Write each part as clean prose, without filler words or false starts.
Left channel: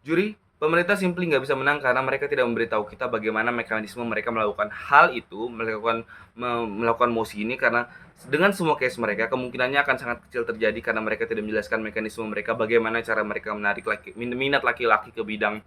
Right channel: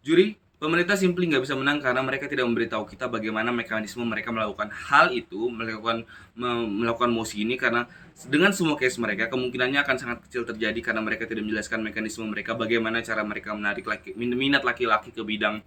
Juri, pemerintah simply nggak bisa menang karena mereka tidak memberitahu kita bagaimana mekanisme mereka melakukan hal itu, melakukan mosi ini karena dengan semua case mereka kemungkinannya akan sangat kecil terjadi karena mereka tidak menjelaskan mekanisme mereka bagaimana cara mereka menarik minat laki-laki ke bidang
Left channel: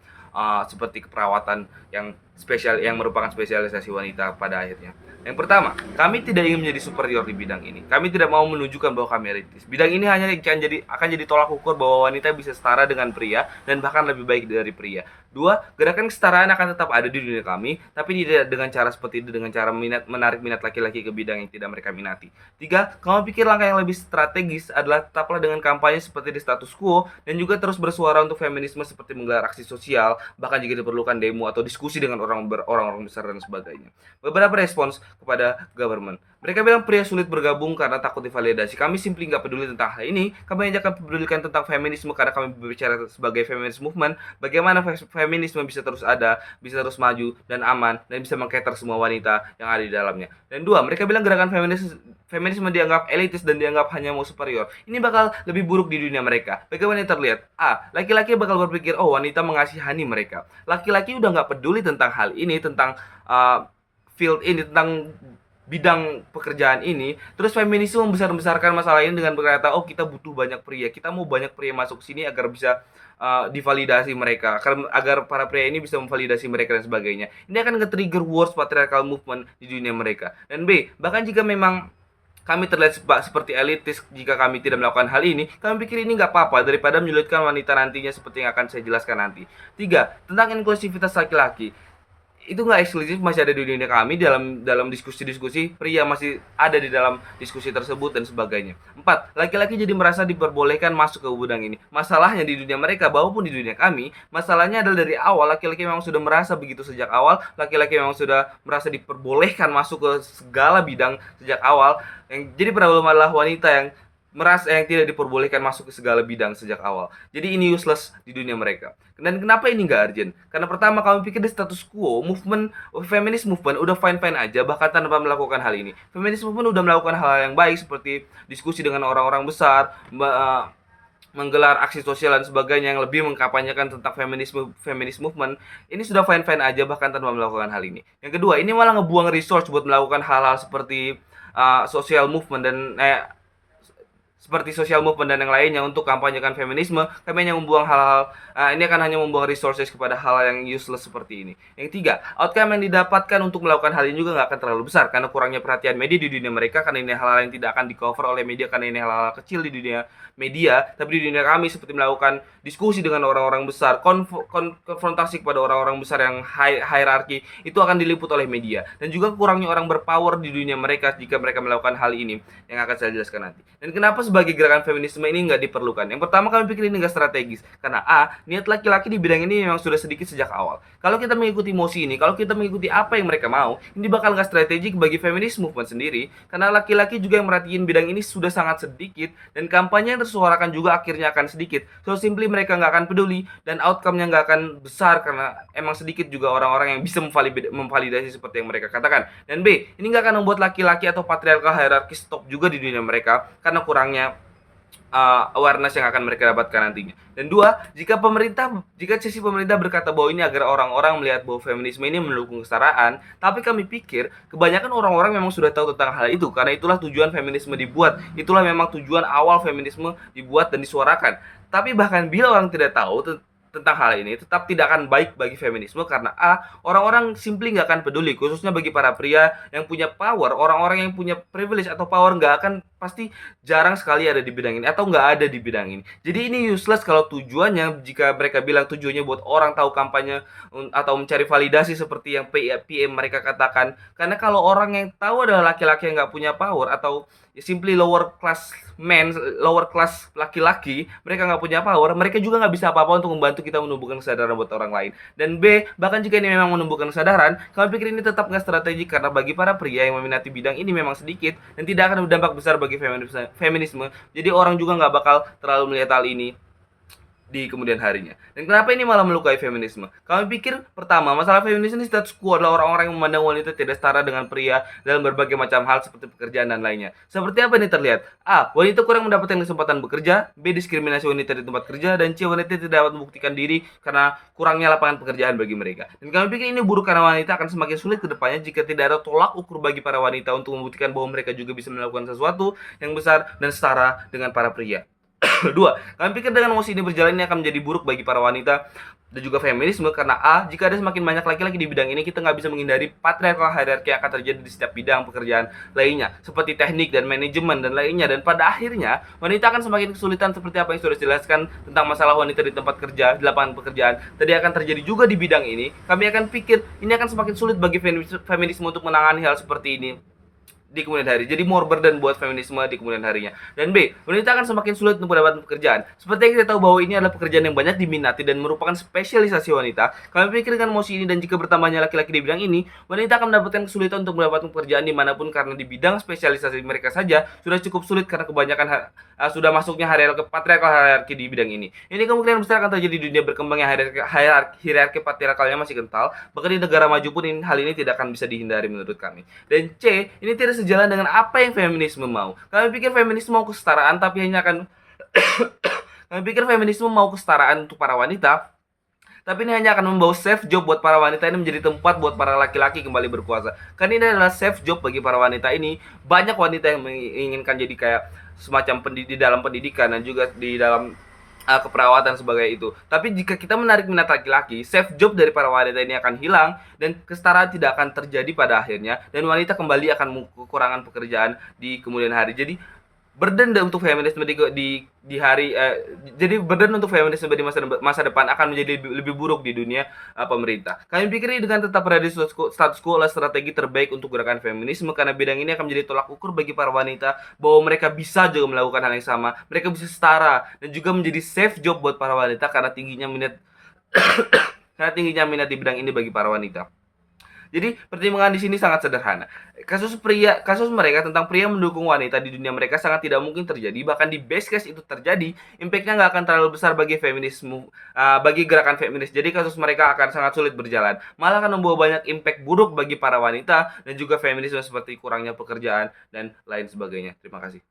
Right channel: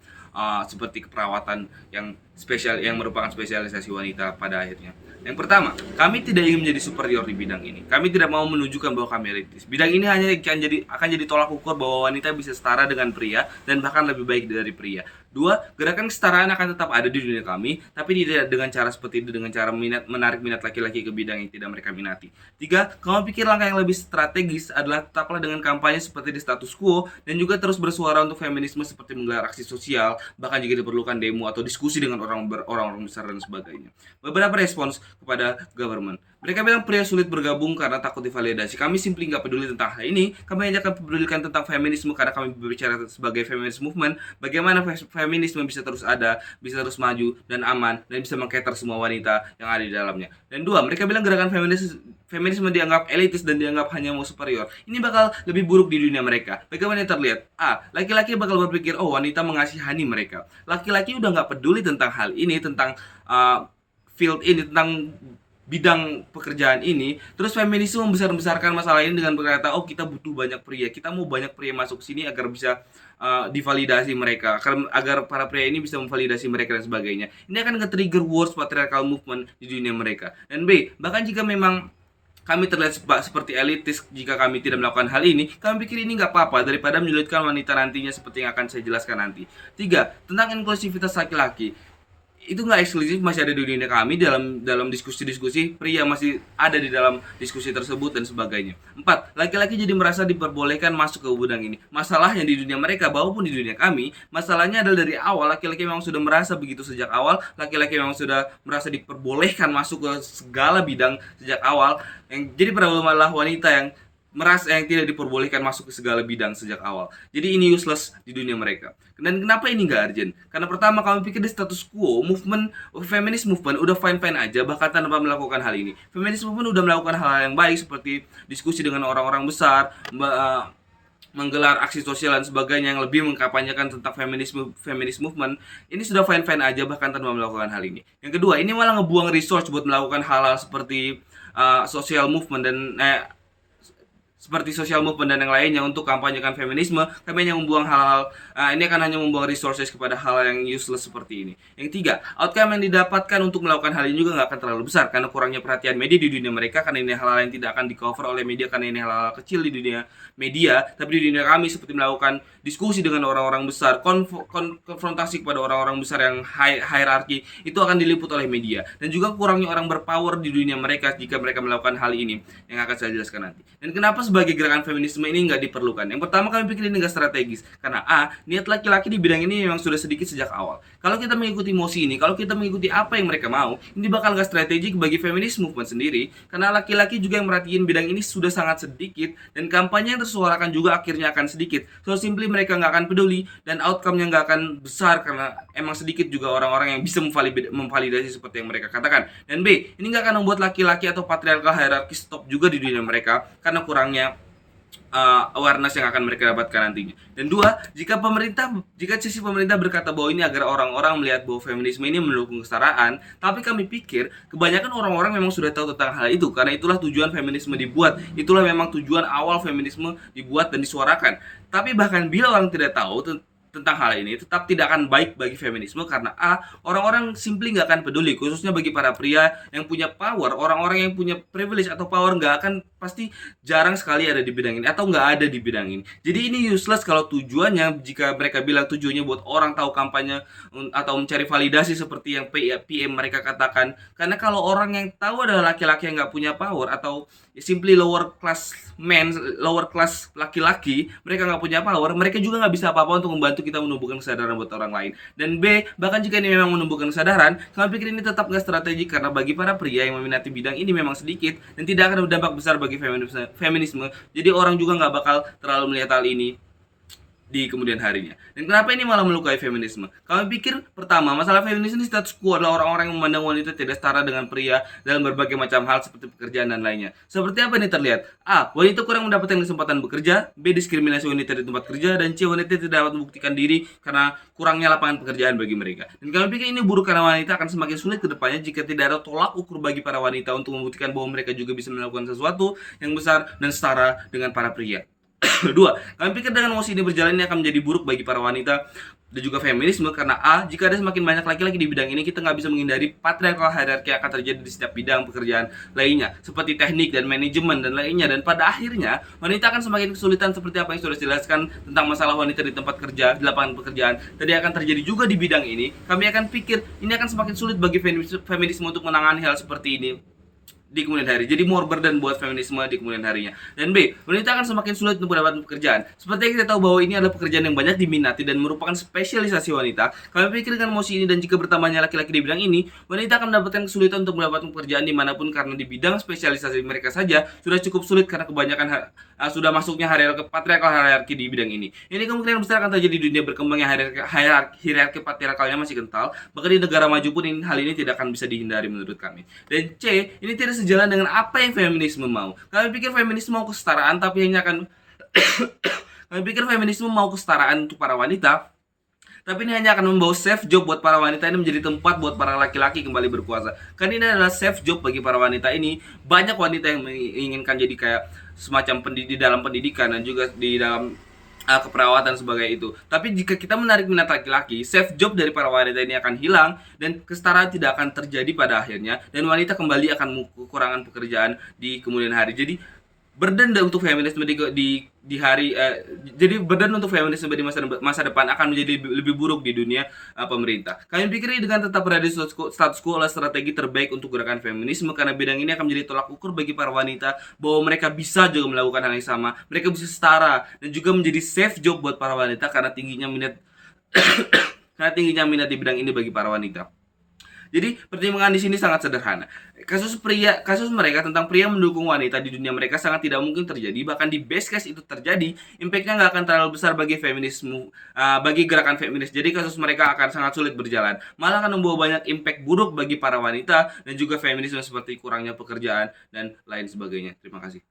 seperti keperawatan yang spesial yang merupakan spesialisasi wanita pada akhirnya. Yang pertama, kami tidak ingin menjadi superior di bidang ini. Kami tidak mau menunjukkan bahwa kami elitis. Bidang ini hanya akan jadi tolak ukur bahwa wanita bisa setara dengan pria dan bahkan lebih baik dari pria. Dua, gerakan kesetaraan akan tetap ada di dunia kami, tapi tidak dengan cara seperti itu, dengan cara menarik minat laki-laki ke bidang yang tidak mereka minati. Tiga, kamu pikir langkah yang lebih strategis adalah tetaplah dengan kampanye seperti di status quo dan juga terus bersuara untuk feminisme seperti menggelar aksi sosial, bahkan jika diperlukan demo atau diskusi dengan orang-orang besar dan sebagainya. Beberapa respons kepada government. Mereka bilang pria sulit bergabung karena takut divalidasi. Kami simply nggak peduli tentang hal ini. Kami hanya akan pedulikan tentang feminisme karena kami berbicara sebagai feminist movement. Bagaimana feminisme bisa terus ada, bisa terus maju dan aman dan bisa mengcater semua wanita yang ada di dalamnya. Dan dua, mereka bilang gerakan feminisme dianggap elitis dan dianggap hanya mau superior. Ini bakal lebih buruk di dunia mereka. Bagaimana terlihat? A. Laki-laki bakal berpikir, oh wanita mengasihani mereka. Laki-laki udah nggak peduli tentang hal ini, tentang field ini, tentang bidang pekerjaan ini. Terus feminisme membesar-besarkan masalah ini dengan berkata, oh kita butuh banyak pria, kita mau banyak pria masuk sini agar bisa divalidasi mereka, agar para pria ini bisa memvalidasi mereka dan sebagainya. Ini akan nge-trigger worst patriarchal movement di dunia mereka. Dan B, bahkan jika memang kami terlihat seperti elitis jika kami tidak melakukan hal ini, kami pikir ini nggak apa-apa daripada menyulitkan wanita nantinya seperti yang akan saya jelaskan nanti. Tiga, tentang inklusivitas laki-laki, itu nggak eksklusif, masih ada di dunia kami. Dalam diskusi-diskusi pria masih ada di dalam diskusi tersebut dan sebagainya. Empat, laki-laki jadi merasa diperbolehkan masuk ke gudang ini. Masalahnya di dunia mereka maupun di dunia kami, masalahnya adalah dari awal laki-laki memang sudah merasa begitu sejak awal. Laki-laki memang sudah merasa diperbolehkan masuk ke segala bidang sejak awal. Yang jadi problem adalah wanita yang merasa yang tidak diperbolehkan masuk ke segala bidang sejak awal. Jadi ini useless di dunia mereka. Dan kenapa ini nggak urgent? Karena pertama, kami pikir di status quo, feminist movement udah fine-fine aja bahkan tanpa melakukan hal ini. Feminist movement udah melakukan hal-hal yang baik seperti diskusi dengan orang-orang besar, menggelar aksi sosial dan sebagainya yang lebih mengkampanyekan tentang feminist movement. Ini sudah fine-fine aja bahkan tanpa melakukan hal ini. Yang kedua, ini malah ngebuang resource buat melakukan hal-hal seperti social movement dan seperti sosial movement dan yang lainnya untuk kampanyekan feminisme. Kami hanya membuang hal-hal ini akan hanya membuang resources kepada hal yang useless seperti ini. Yang tiga, outcome yang didapatkan untuk melakukan hal ini juga nggak akan terlalu besar karena kurangnya perhatian media di dunia mereka, karena ini hal-hal yang tidak akan di cover oleh media, karena ini hal-hal kecil di dunia media. Tapi di dunia kami seperti melakukan diskusi dengan orang-orang besar, konfrontasi kepada orang-orang besar yang hierarki, itu akan diliput oleh media. Dan juga kurangnya orang berpower di dunia mereka jika mereka melakukan hal ini yang akan saya jelaskan nanti. Dan kenapa sebagai gerakan feminisme ini nggak diperlukan? Yang pertama, kami pikir ini nggak strategis karena A, niat laki-laki di bidang ini memang sudah sedikit sejak awal. Kalau kita mengikuti mosi ini, kalau kita mengikuti apa yang mereka mau, ini bakal nggak strategik bagi feminis movement sendiri karena laki-laki juga yang merhatiin bidang ini sudah sangat sedikit dan kampanye yang tersuarakan juga akhirnya akan sedikit. So simply mereka nggak akan peduli dan outcome-nya nggak akan besar karena emang sedikit juga orang-orang yang bisa memvalidasi seperti yang mereka katakan. Dan B, ini nggak akan membuat laki-laki atau patriarkal hierarki stop juga di dunia mereka karena kurangnya awareness yang akan mereka dapatkan nantinya. Dan dua, jika sisi pemerintah berkata bahwa ini agar orang-orang melihat bahwa feminisme ini mendukung kesetaraan, tapi kami pikir kebanyakan orang-orang memang sudah tahu tentang hal itu karena itulah tujuan feminisme dibuat, itulah memang tujuan awal feminisme dibuat dan disuarakan. Tapi bahkan bila orang tidak tahu tentang hal ini, tetap tidak akan baik bagi feminisme karena A, orang-orang simply nggak akan peduli, khususnya bagi para pria yang punya power. Orang-orang yang punya privilege atau power nggak akan, pasti jarang sekali ada di bidang ini atau nggak ada di bidang ini. Jadi ini useless kalau tujuannya, jika mereka bilang tujuannya buat orang tahu kampanye atau mencari validasi seperti yang PM mereka katakan. Karena kalau orang yang tahu adalah laki-laki yang nggak punya power atau simply lower class men, lower class laki-laki, mereka nggak punya power, mereka juga nggak bisa apa-apa untuk membantu kita menumbuhkan kesadaran buat orang lain. Dan B, bahkan jika ini memang menumbuhkan kesadaran, kami pikir ini tetap nggak strategik karena bagi para pria yang meminati bidang ini memang sedikit dan tidak akan berdampak besar bagi feminisme. Jadi orang juga nggak bakal terlalu melihat hal ini di kemudian harinya. Dan kenapa ini malah melukai feminisme? Kami pikir pertama, masalah feminisme ini status quo adalah orang-orang yang memandang wanita tidak setara dengan pria dalam berbagai macam hal seperti pekerjaan dan lainnya. Seperti apa ini terlihat? A. Wanita kurang mendapatkan kesempatan bekerja. B. Diskriminasi wanita di tempat kerja. Dan C. Wanita tidak dapat membuktikan diri karena kurangnya lapangan pekerjaan bagi mereka. Dan kami pikir ini buruk karena wanita akan semakin sulit ke depannya jika tidak ada tolak ukur bagi para wanita untuk membuktikan bahwa mereka juga bisa melakukan sesuatu yang besar dan setara dengan para pria. Dua, kami pikir dengan mosi ini berjalan ini akan menjadi buruk bagi para wanita dan juga feminisme karena A. Jika ada semakin banyak laki-laki di bidang ini, kita nggak bisa menghindari patriarkal hierarki yang akan terjadi di setiap bidang pekerjaan lainnya seperti teknik dan manajemen dan lainnya, dan pada akhirnya wanita akan semakin kesulitan seperti apa yang sudah dijelaskan tentang masalah wanita di tempat kerja, di lapangan pekerjaan tadi akan terjadi juga di bidang ini. Kami akan pikir ini akan semakin sulit bagi feminisme untuk menangani hal seperti ini di kemudian hari. Jadi more burden buat feminisme di kemudian harinya. Dan B, wanita akan semakin sulit untuk mendapatkan pekerjaan. Seperti yang kita tahu bahwa ini adalah pekerjaan yang banyak diminati dan merupakan spesialisasi wanita. Kami pikir dengan mosi ini dan jika bertambahnya laki-laki di bidang ini, wanita akan mendapatkan kesulitan untuk mendapatkan pekerjaan dimanapun karena di bidang spesialisasi mereka saja sudah cukup sulit karena kebanyakan sudah masuknya patriarkal hierarki di bidang ini. Ini kemungkinan besar akan terjadi di dunia berkembangnya hierarki patriarkalnya masih kental. Bahkan di negara maju pun hal ini tidak akan bisa dihindari menurut kami. Dan C, ini tidak sejalan dengan apa yang feminisme mau. Kami pikir feminisme mau kesetaraan tapi hanya akan kami pikir feminisme mau kesetaraan untuk para wanita, tapi ini hanya akan membawa safe job buat para wanita ini menjadi tempat buat para laki-laki kembali berkuasa. Karena ini adalah safe job bagi para wanita ini. Banyak wanita yang menginginkan jadi kayak semacam di dalam pendidikan dan juga di dalam keperawatan sebagai itu. Tapi jika kita menarik minat laki-laki, safe job dari para wanita ini akan hilang dan kesetaraan tidak akan terjadi pada akhirnya dan wanita kembali akan kekurangan pekerjaan di kemudian hari. Jadi burden untuk feminisme di hari jadi burden untuk feminisme di masa depan akan menjadi lebih buruk di dunia pemerintah. Kami pikir dengan tetap berada di status quo adalah strategi terbaik untuk gerakan feminisme karena bidang ini akan menjadi tolak ukur bagi para wanita bahwa mereka bisa juga melakukan hal yang sama, mereka bisa setara dan juga menjadi safe job buat para wanita karena tingginya minat di bidang ini bagi para wanita. Jadi pertimbangan di sini sangat sederhana. Kasus mereka tentang pria mendukung wanita di dunia mereka sangat tidak mungkin terjadi. Bahkan di best case itu terjadi, impactnya nggak akan terlalu besar bagi feminisme, bagi gerakan feminis. Jadi kasus mereka akan sangat sulit berjalan. Malah akan membawa banyak impact buruk bagi para wanita dan juga feminisme seperti kurangnya pekerjaan dan lain sebagainya. Terima kasih.